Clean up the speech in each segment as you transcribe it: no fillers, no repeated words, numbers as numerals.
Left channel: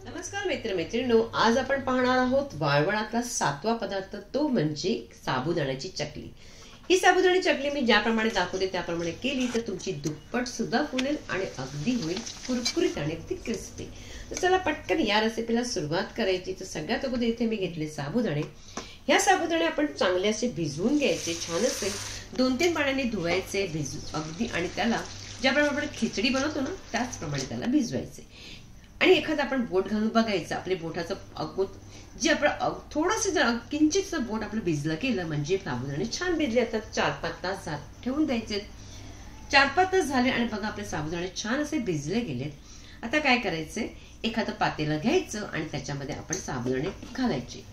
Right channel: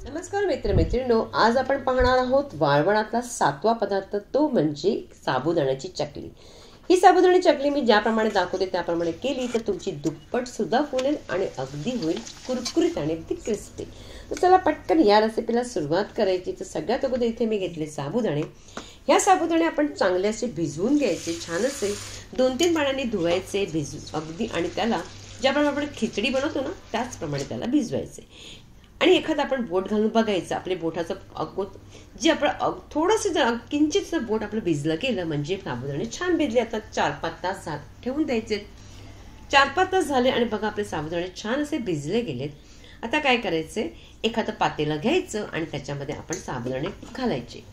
नमस्कार मित्रमैत्रिणींनो, आज आपण पाहणार आहोत वाळवणातला 7वा पदार्थ, तो म्हणजे साबुदाण्याची चकली। ही साबुदाण्याची चकली मी ज्याप्रमाणे दाखवते त्याप्रमाणे केली तर तुमची दुप्पट सुद्धा फुलेल आणि अगदी होईल कुरकुरीत आणि अगदी क्रिस्पी। तर चला पटकन या रेसिपीला सुरुवात करायची। तर सगळ्यात अगोदर इथे मी घेतले साबुदाणे। ह्या साबुदाणे आपण चांगले असे भिजवून घ्यायचे, छान असे 2-3 पाण्याने धुवायचे भिजून अगदी, आणि त्याला ज्याप्रमाणे आपण खिचडी बनवतो ना त्याचप्रमाणे त्याला भिजवायचे। आणि एखादा आपण बोट घालून बघायचं, आपले बोटाचं अगोद जे आपण थोडंसं किंचित बोट आपलं भिजलं केलं म्हणजे साबुदाणे छान भिजले। आता 4-5 तास ठेवून द्यायचे। 4-5 तास झाले आणि बघा आपले साबुदाणे छान असे भिजले गेलेत। आता काय करायचे, एखादं पातेलं घ्यायचं आणि त्याच्यामध्ये आपण साबुदाणे घालायचे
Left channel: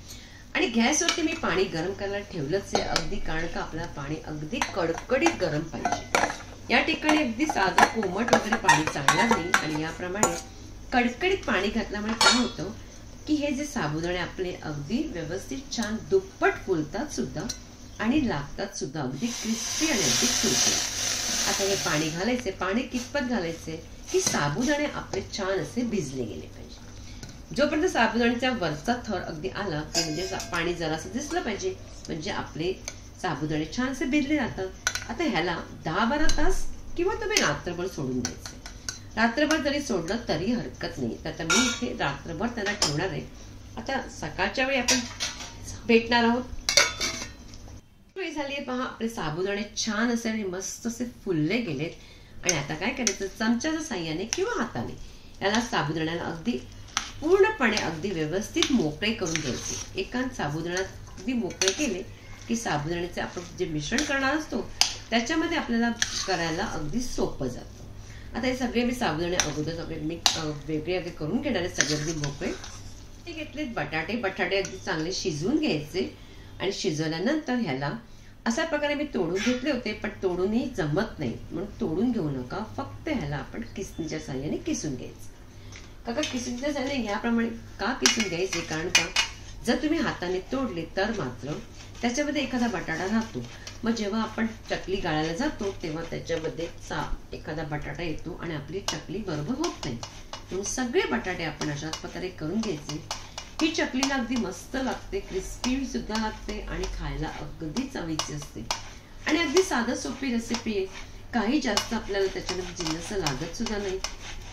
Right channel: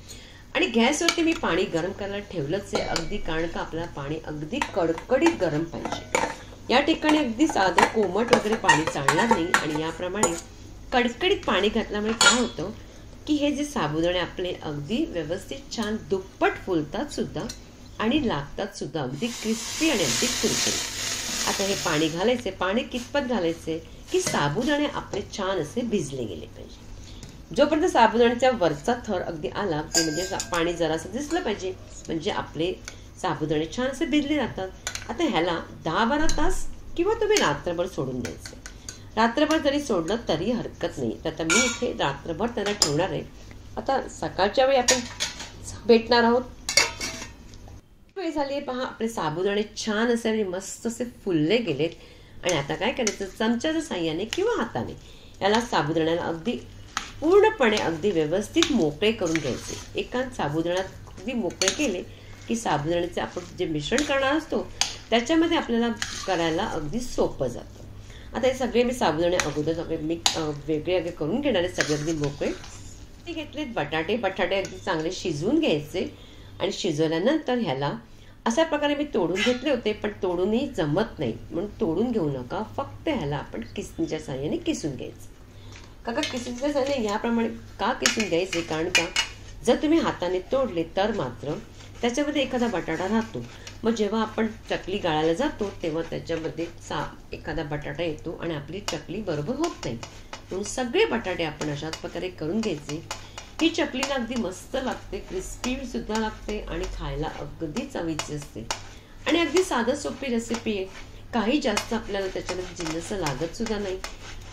आणि गॅसवरती मी पाणी गरम करायला ठेवलंच आहे अगदी, कारण का आपल्याला पाणी अगदी कडकडीत गरम पाहिजे। या ठिकाणी अगदी साधं कोमट वगैरे पाणी चालणार नाही आणि याप्रमाणे कडकडीत पाणी घातल्यामुळे काय होतं की हे जे साबुदाणे आपले अगदी व्यवस्थित छान दुप्पट फुलतात सुद्धा आणि लागतात सुद्धा अगदी क्रिस्पी आणि अगदी कुरकुरीत। आता हे पाणी घालायचे, पाणी कितपत घालायचे की साबुदाणे आपले छान असे भिजले गेले पाहिजे। जोपर्यंत साबुदाण्याचा वरचा थर अगदी आला की म्हणजे पाणी जरासं दिसलं पाहिजे, म्हणजे आपले साबुदाणे छान असे भिजले जातात। आता ह्याला 10-12 तास किंवा तुम्ही रात्रभर सोडून द्यायचे। रात्रभर जरी सोडलं तरी हरकत नाही। तर आता मी इथे रात्रभर त्याला ठेवणार आहे। आता सकाळच्या वेळी आपण भेटणार आहोत। वेळ झाली पहा, आपले साबुदाणे छान असे मस्त असे फुलले गेलेत आणि आता काय करायचं, चमच्याच्या साह्याने किंवा हाताने याला साबुदाण्याला अगदी पूर्णपणे अगदी व्यवस्थित मोकळे करून घ्यायचे। एकाच साबुदाण्यात अगदी मोकळे केले की साबुदाण्याचे आपण जे मिश्रण करणार असतो त्याच्यामध्ये आपल्याला करायला अगदी सोपं जातं। आता हे सगळे मी साबुदाणे अगोदर सगळे मी वेगळे करून घेणार आहे, सगळे अगदी मोकळे। ते घेतलेत बटाटे अगदी चांगले शिजवून घ्यायचे आणि शिजवल्यानंतर ह्याला अशा प्रकारे मी तोडून घेतले होते, पण तोडूनही जमत नाही म्हणून तोडून घेऊ नका, फक्त ह्याला आपण किसणीच्या साह्याने किसून घ्यायचं। काका किसणीच्या साह्याने याप्रमाणे का किसून घ्यायचे, कारण का जर तुम्ही हाताने तोडले तर मात्र त्याच्यामध्ये एखादा बटाटा राहतो, मग जेव्हा आपण चकली गाळायला जातो तेव्हा त्याच्यामध्ये एखादा बटाटा येतो आणि आपली चकली बरोबर होत नाही। म्हणून सगळे बटाटे आपण अशाच प्रकारे करून घ्यायचे। ही चकलीला अगदी मस्त लागते, क्रिस्पी सुद्धा लागते आणि खायला अगदी चवीची असते आणि अगदी साधं सोपी रेसिपी आहे। काही जास्त आपल्याला त्याच्यामध्ये जिन्नस लागत सुद्धा नाही।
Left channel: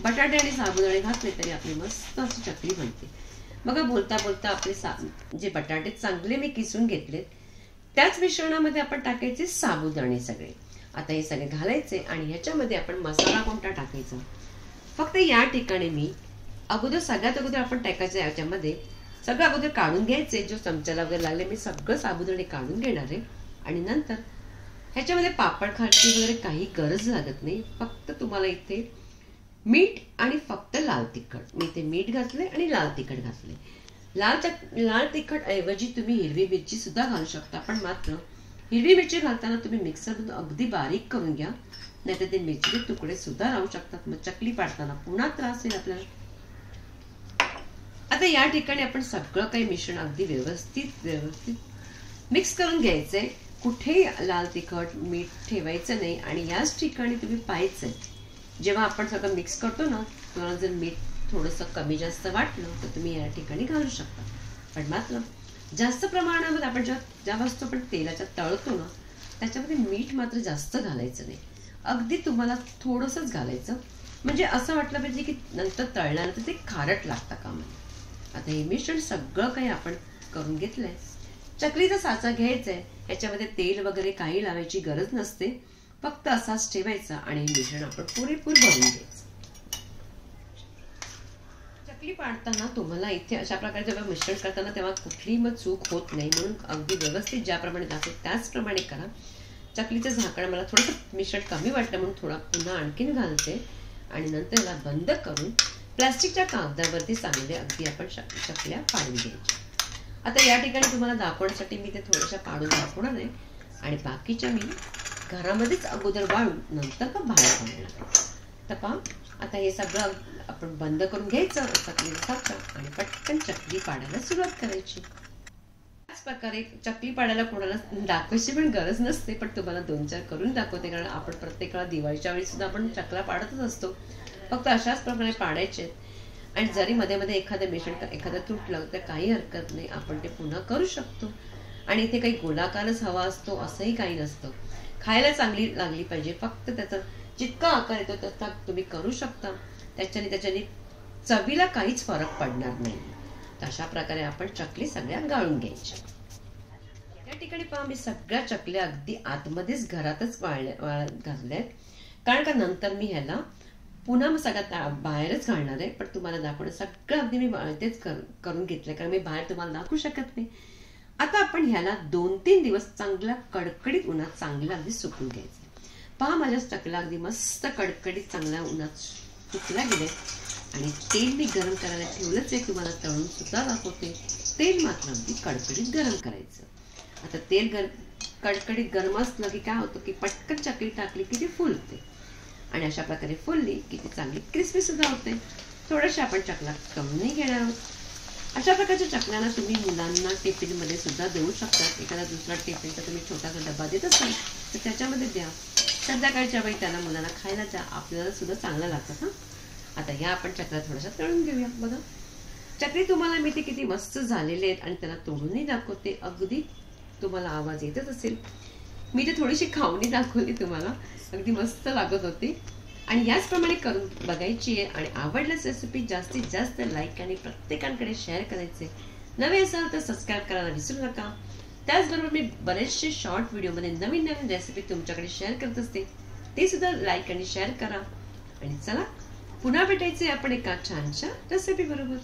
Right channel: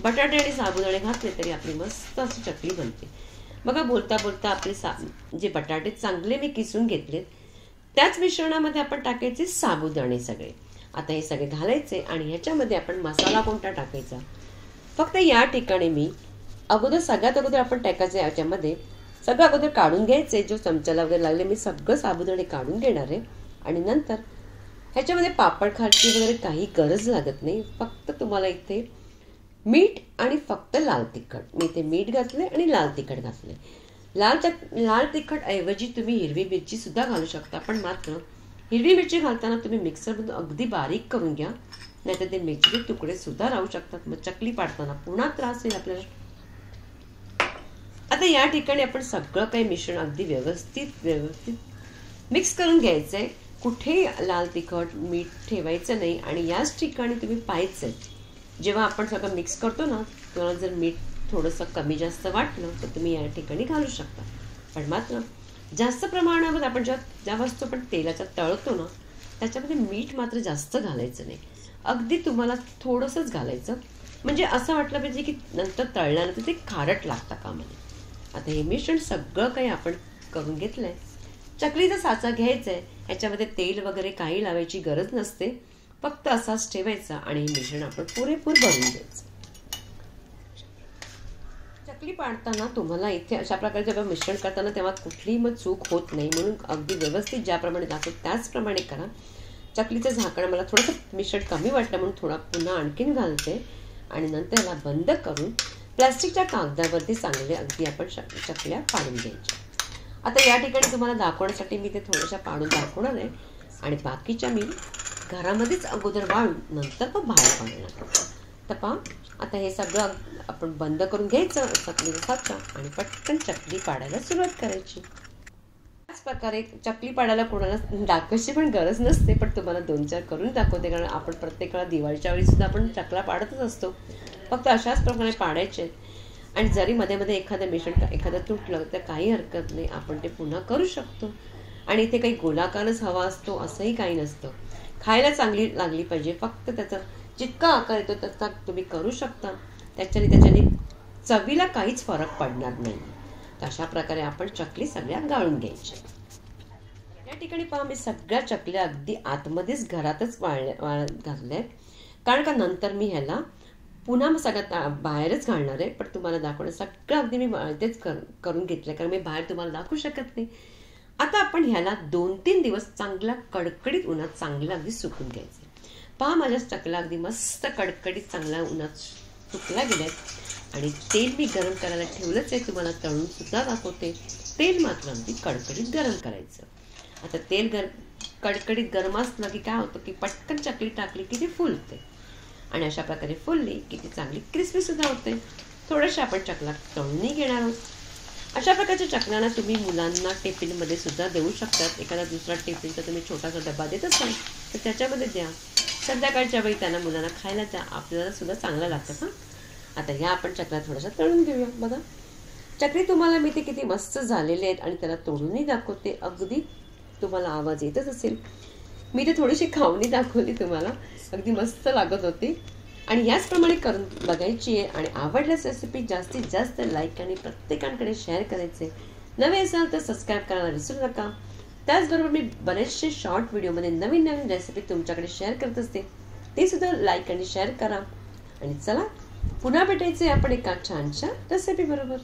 बटाटे आणि साबुदाणे घातले तरी आपली मस्त अशी चकली बनते। बघा बोलता बोलता आपले जे बटाटे चांगले मी किसून घेतलेत त्याच मिश्रणामध्ये आपण टाकायचे साबुदाणे सगळे। आता हे सगळे घालायचे आणि ह्याच्यामध्ये आपण मसाला कोणता टाकायचा, फक्त या ठिकाणी मी सगळ्यात अगोदर आपण टाकायचं याच्यामध्ये सगळं अगोदर काढून घ्यायचे, जो चमच्याला वगैरे लागले मी सगळं साबुदाणे काढून घेणार आहे आणि नंतर ह्याच्यामध्ये पापड खारची वगैरे काही गरज लागत नाही। फक्त तुम्हाला इथे मीठ आणि फक्त लाल तिखट, मी इथे मीठ घातले आणि लाल तिखट घातले। लाल तिखट ऐवजी तुम्ही हिरवी मिरची सुद्धा घालू शकता, पण मात्र हिरवी मिरची घालताना तुम्ही मिक्सरमधून अगदी बारीक करून घ्या, नाहीतर ते मिरचीचे तुकडे सुद्धा राहू शकतात, मग चकली पाडताना पुन्हा त्रास होईल आपल्याला। आता या ठिकाणी आपण सगळं काही मिश्रण अगदी व्यवस्थित मिक्स करून घ्यायचंय। कुठे लाल तिखट मीठ ठेवायचं नाही आणि याच ठिकाणी तुम्ही पाहायचंय जेव्हा आपण सगळं मिक्स करतो ना, तुम्हाला जर मीठ थोडंसं कमी जास्त वाटलं तर तुम्ही या ठिकाणी घालू शकता, पण मात्र जास्त प्रमाणामध्ये आपण ज्या वस्तू आपण तेलाच्या तळतो ना त्याच्यामध्ये मीठ मात्र जास्त घालायचं नाही, अगदी तुम्हाला थोडंसंच घालायचं, म्हणजे असं वाटलं पाहिजे की नंतर तळल्यानंतर ते खारट लागतं कामा नये। आता हे मिश्रण सगळं काही आपण करून घेतलंय। चकलीचा साचा घ्यायचा आहे, ह्याच्यामध्ये तेल वगैरे काही लावायची गरज नसते, फक्त असाच ठेवायचा आणि हे मिश्रण आपण पुरेपूर भरून द्यायचं। चकली पाडताना तुम्हाला इथे अशा प्रकारे जेव्हा मिश्रण करताना तेव्हा कुठलीही मग चूक होत नाही, म्हणून अगदी व्यवस्थित ज्याप्रमाणे दाखवतो त्याचप्रमाणे करा। चकलीचं झाकण मला थोडंसं मिश्रण कमी वाटलं म्हणून थोडा पुन्हा आणखीन घालते आणि नंतर याला बंद करून प्लास्टिकच्या कागदावरती चांगले अगदी आपण चकल्या पाडून द्यायच्या। आता या ठिकाणी तुम्हाला दाखवण्यासाठी मी ते थोड्याशा पाडून दाखवणार आहे आणि बाकीच्या मी घरामध्येच अगोदर वाळून नंतर पण बाहेर काढणार। तर पहा आता हे सगळं आपण बंद करून घ्यायचं चकलीचा साचा आणि पटकन चकली पाडायला सुरुवात करायची। त्याच प्रकारे चकली पाडायला कोणाला दाखवायची पण गरज नसते, पण तुम्हाला 2-4 करून दाखवते, कारण आपण प्रत्येक वेळा दिवाळीच्या वेळी सुद्धा आपण चकला पाडतच असतो, फक्त अशाच प्रकारे पाडायचे। आणि जरी मध्ये मध्ये एखादं मिश्रण एखादं तुटलं तर काही हरकत नाही, आपण ते पुन्हा करू शकतो. आणि इथे काही गोलाकारच हवा असतो असंही काही नसतं. खायला चांगली लागली पाहिजे, फक्त त्याचा जितका आकार येतो तसा तुम्ही करू शकता. त्याच्याने चवीला काहीच फरक पडणार नाही. अशा प्रकारे आपण चकली सगळ्या गाळून घ्यायच्या. या ठिकाणी पहा, मी सगळ्या चकल्या अगदी आतमध्येच घरातच घातल्यात, कारण का नंतर मी ह्याला पुन्हा सगळ्यात बाहेरच घालणार आहे. पण तुम्हाला दाखवणं सगळं अगदी मी तेच करून घेतलं, कारण मी बाहेर तुम्हाला दाखवू शकत नाही. आता आपण ह्याला 2-3 दिवस चांगला कडकडीत उन्हात चांगला अगदी सुकून घ्यायचं. पहा, माझ्या चकल्या अगदी मस्त कडकडीत चांगल्या उन्हात सुकल्या गेल्या. आणि तेल मी गरम करायला ठेवलंच आहे, तुम्हाला तळून सुद्धा दाखवते. तेल मात्र अगदी कडकडीत गरम करायचं. आता तेल कडकडीत गरम असलं की काय होतं की पटकन चकली टाकली की ती फुलते. आणि अशा प्रकारे फुलली की ती चांगली क्रिस्पी सुद्धा होते. थोडंसं आपण चकला तळूनही घेणार आहोत. अशा प्रकारच्या चकल्यांना तुम्ही मुलांना टिफिनमध्ये सुद्धा देऊ शकतात. एखादा दुसरा टिफिनचा तुम्ही छोटासा डबा देत असाल तर त्याच्यामध्ये द्या. संध्याकाळच्या वेळी त्यांना मुलांना खायला द्या, आपल्याला सुद्धा चांगलं लागतं. आता ह्या आपण चकल्या थोड्याशा तळून घेऊया. बघा, चकली तुम्हाला मी ते किती मस्त झालेले आहेत आणि त्याला तोडूनही दाखवते. अगदी तुम्हाला आवाज येतच असेल. मी ते थोडीशी खाऊनही दाखवली तुम्हाला, अगदी मस्त लागत होती. आणि याचप्रमाणे करून बघायची आहे. आणि आवडल्यास रेसिपी जास्तीत जास्त लाईक आणि प्रत्येकांकडे शेअर करायचे. नवे असाल तर सबस्क्राईब करायला विसरू नका. त्याचबरोबर मी बरेचसे शॉर्ट व्हिडिओमध्ये नवीन नवीन रेसिपी तुमच्याकडे शेअर करत असते, ते सुद्धा लाईक आणि शेअर करा. आणि चला, पुन्हा भेटायचे आपण एका छानशा रेसिपी बरोबर.